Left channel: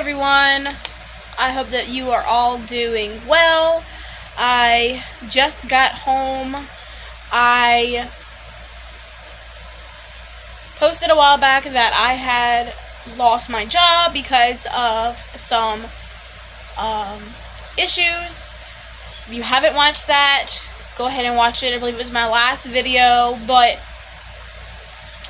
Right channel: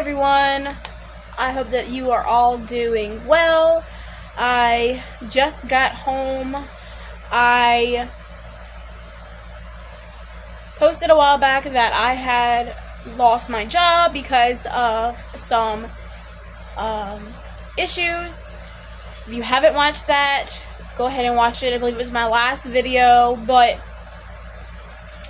everyone, I hope that you are all doing well. I just got home. I posted a while back that I had lost my job because of some issues. If you haven't watched that, go ahead and watch it. I believe it was my last video, but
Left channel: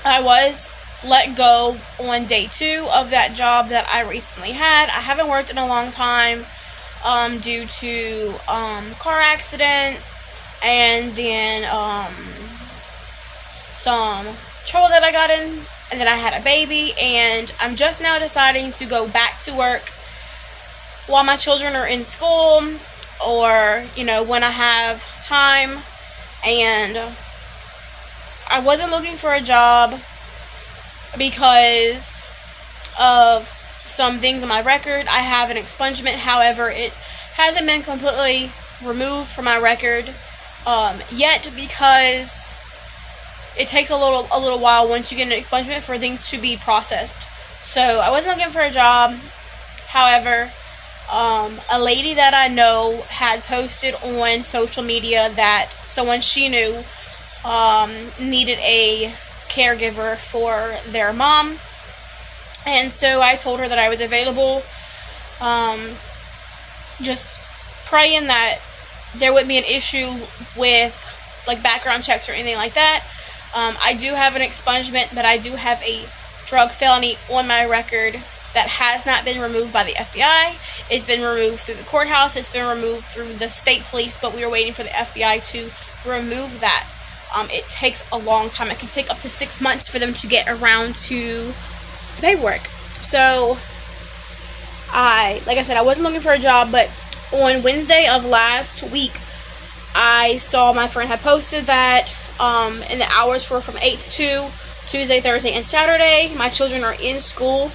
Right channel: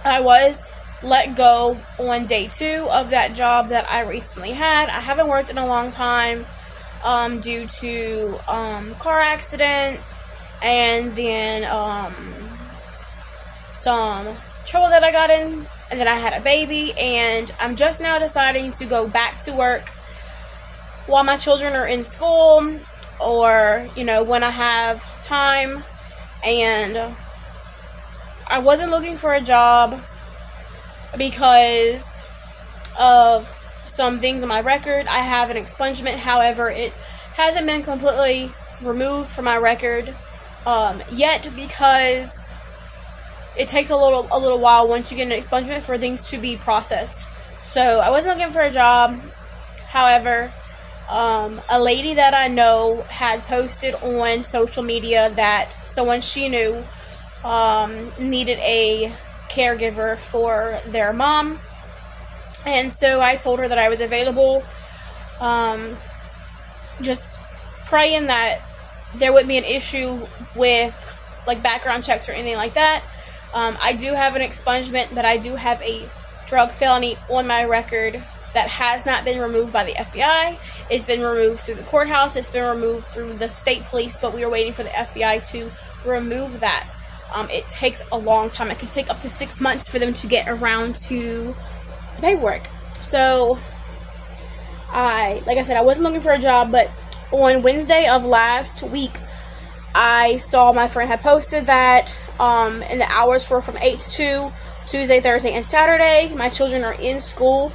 I was let go on day 2 of that job that I recently had. I haven't worked in a long time due to car accident and then some trouble that I got in, and then I had a baby, and I'm just now deciding to go back to work while my children are in school, or when I have time. And I wasn't looking for a job because of some things on my record. I have an expungement, however, it hasn't been completely removed from my record yet, because it takes a little while once you get an expungement for things to be processed. So I wasn't looking for a job. However, a lady that I know had posted on social media that someone she knew needed a caregiver for their mom, and so I told her that I was available, just praying that there wouldn't be an issue with like background checks or anything like that. I do have an expungement, but I do have a drug felony on my record that has not been removed by the FBI. It's been removed through the courthouse, it's been removed through the state police, but we are waiting for the FBI to remove that. It takes a long time. It can take up to 6 months for them to get around to the paperwork. So, like I said, I wasn't looking for a job, but on Wednesday of last week, I saw my friend had posted that, and the hours were from 8 to 2, Tuesday, Thursday, and Saturday. My children are in school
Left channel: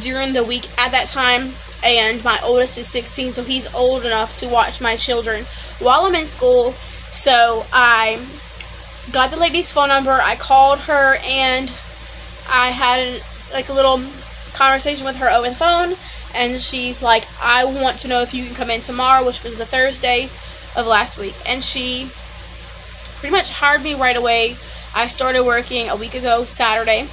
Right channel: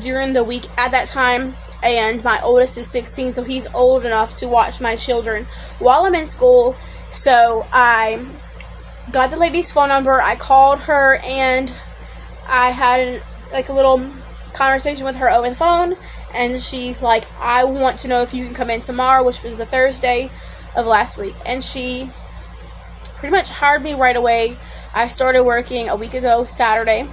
during the week at that time, and my oldest is 16, so he's old enough to watch my children while I'm in school. So I got the lady's phone number, I called her, and I had like a little conversation with her over the phone, and she's like, I want to know if you can come in tomorrow, which was the Thursday of last week. And she pretty much hired me right away. I started working a week ago Saturday,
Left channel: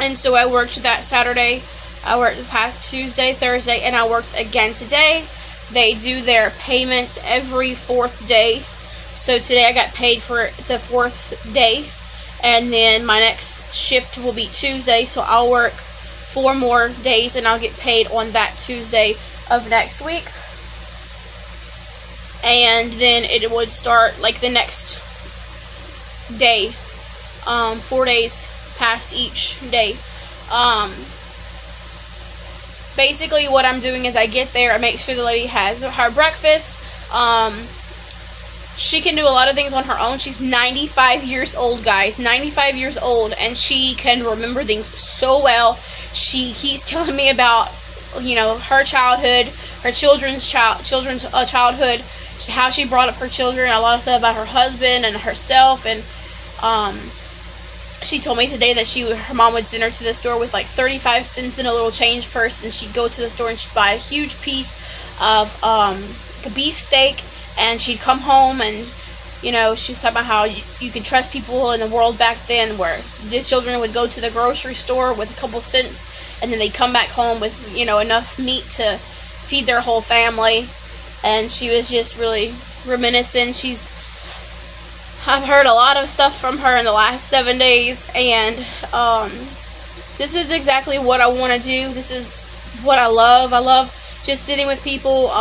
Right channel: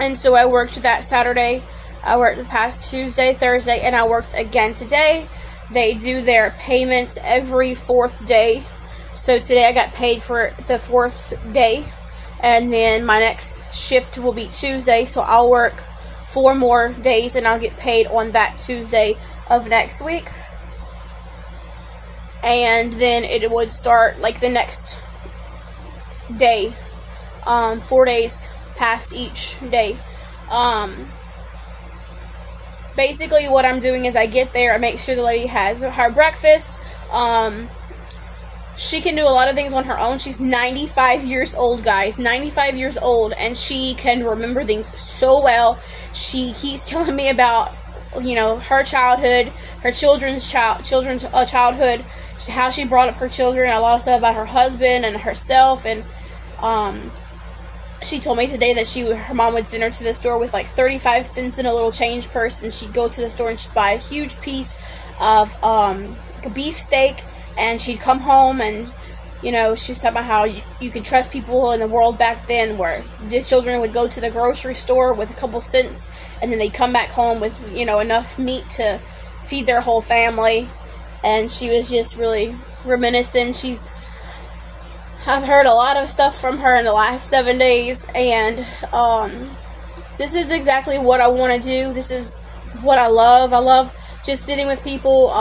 and so I worked that Saturday, I worked the past Tuesday, Thursday, and I worked again today. They do their payments every 4th day. So today I got paid for the 4th day, and then my next shift will be Tuesday, so I'll work 4 more days and I'll get paid on that Tuesday of next week. And then it would start like the next day, 4 days past each day. Basically what I'm doing is I get there, I make sure the lady has her breakfast. She can do a lot of things on her own. She's 95 years old, guys. 95 years old, and she can remember things so well. She keeps telling me about, her childhood, her children's childhood, how she brought up her children, a lot of stuff about her husband and herself. And she told me today that her mom would send her to the store with like 35 cents in a little change purse, and she'd go to the store and she'd buy a huge piece of beef steak. And she'd come home and, she was talking about how you could trust people in the world back then, where the children would go to the grocery store with a couple cents, and then they'd come back home with, enough meat to feed their whole family. And she was just really reminiscent. I've heard a lot of stuff from her in the last 7 days, and this is exactly what I want to do. This is what I love. I love just sitting with people.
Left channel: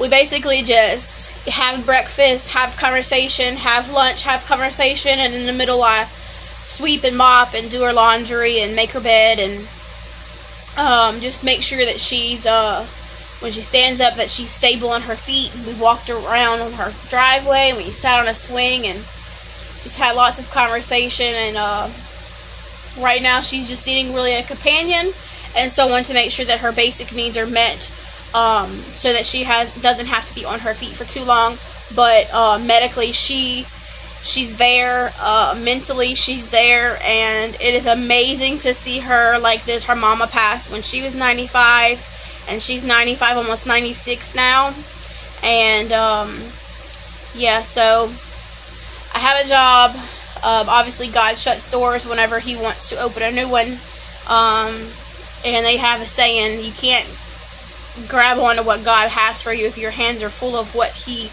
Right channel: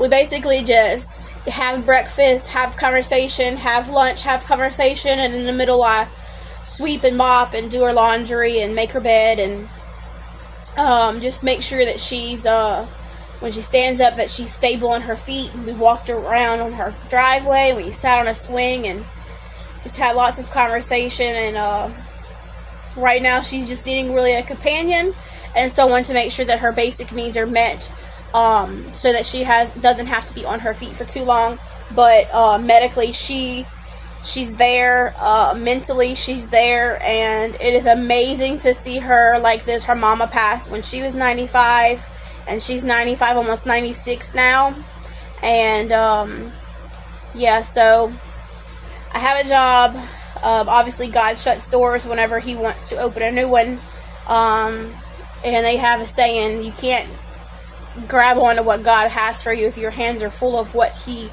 We basically just have breakfast, have conversation, have lunch, have conversation, and in the middle I sweep and mop and do her laundry and make her bed, and just make sure that she's, when she stands up, that she's stable on her feet. And we walked around on her driveway, we sat on a swing, and just had lots of conversation. And right now she's just needing really a companion and someone to make sure that her basic needs are met, so that she doesn't have to be on her feet for too long. But medically she She's there, mentally she's there, and it is amazing to see her like this. Her mama passed when she was 95, and she's 95, almost 96 now. And yeah, so I have a job. Obviously God shuts doors whenever he wants to open a new one. And they have a saying, you can't grab onto what God has for you if your hands are full of what he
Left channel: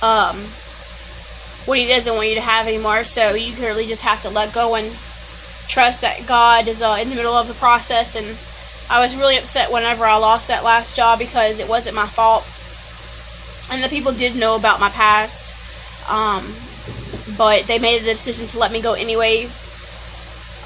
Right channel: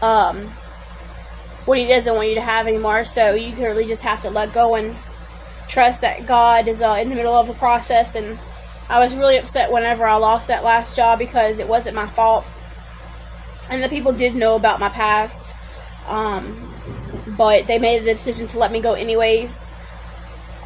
doesn't want you to have anymore. So you really just have to let go and trust that God is in the middle of the process. And I was really upset whenever I lost that last job, because it wasn't my fault, and the people did know about my past, but they made the decision to let me go anyways.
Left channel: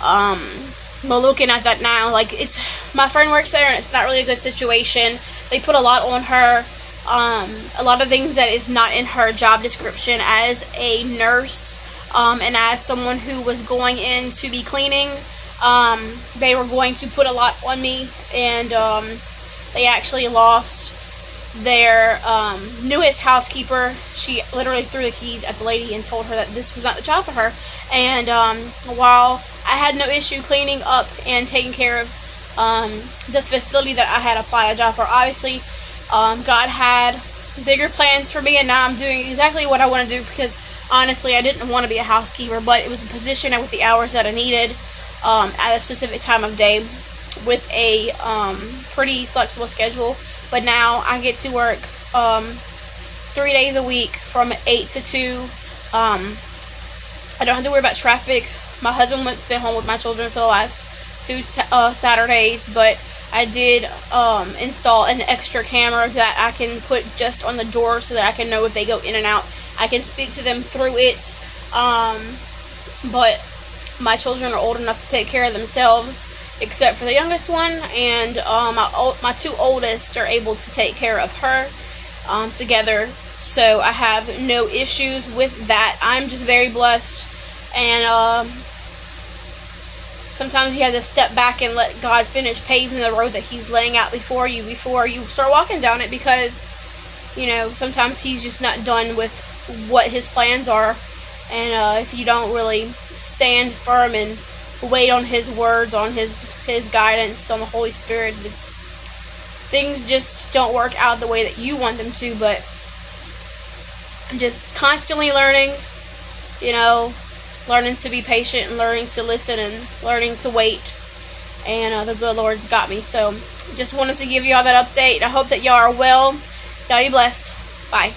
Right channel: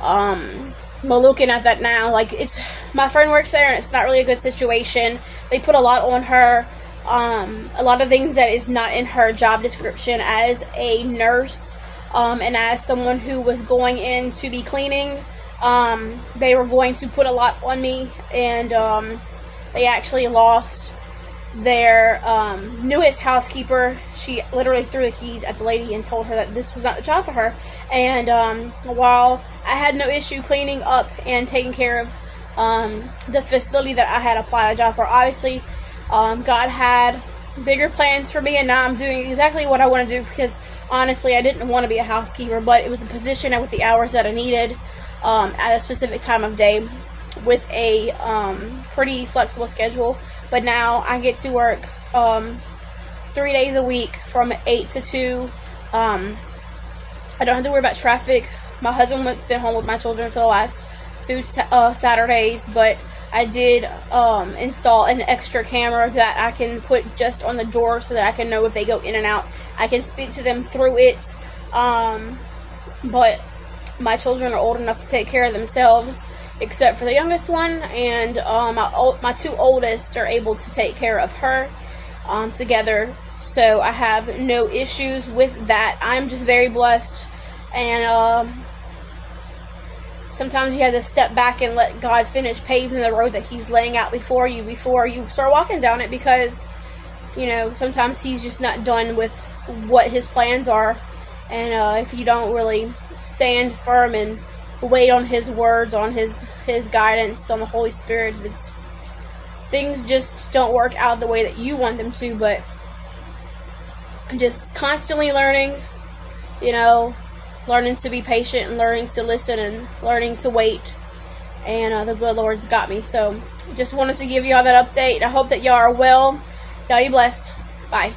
But looking at that now, like, it's, my friend works there, and it's not really a good situation. They put a lot on her, a lot of things that is not in her job description as a nurse, and as someone who was going in to be cleaning. They were going to put a lot on me, and they actually lost their newest housekeeper. She literally threw the keys at the lady and told her that this was not the job for her. And while I had no issue cleaning up and taking care of the facility that I had applied a job for, obviously God had bigger plans for me, and now I'm doing exactly what I want to do, because honestly I didn't want to be a housekeeper, but it was a position with the hours that I needed at a specific time of day, with a pretty flexible schedule. But now I get to work 3 days a week from 8 to 2. I don't have to worry about traffic. My husband has been home with my children for the last 2 Saturdays, but I did install an extra camera that I can put just on the door so that I can know if they go in and out. I can speak to them through it, but my children are old enough to take care of themselves, except for the youngest one, and my two oldest are able to take care of her together. So I have no issues with that. I'm just very blessed, and sometimes you have to step back and let God finish paving the road that he's laying out before you start walking down it, because, you know, sometimes he's just not done with what his plans are. And if you don't really stand firm and wait on his words, on his guidance, on the Holy Spirit, things just don't work out the way that you want them to. But I'm just constantly learning, you know, learning to be patient, and learning to listen, and learning to wait. And the good Lord's got me. So just wanted to give you all that update. I hope that y'all are well. Y'all be blessed. Bye.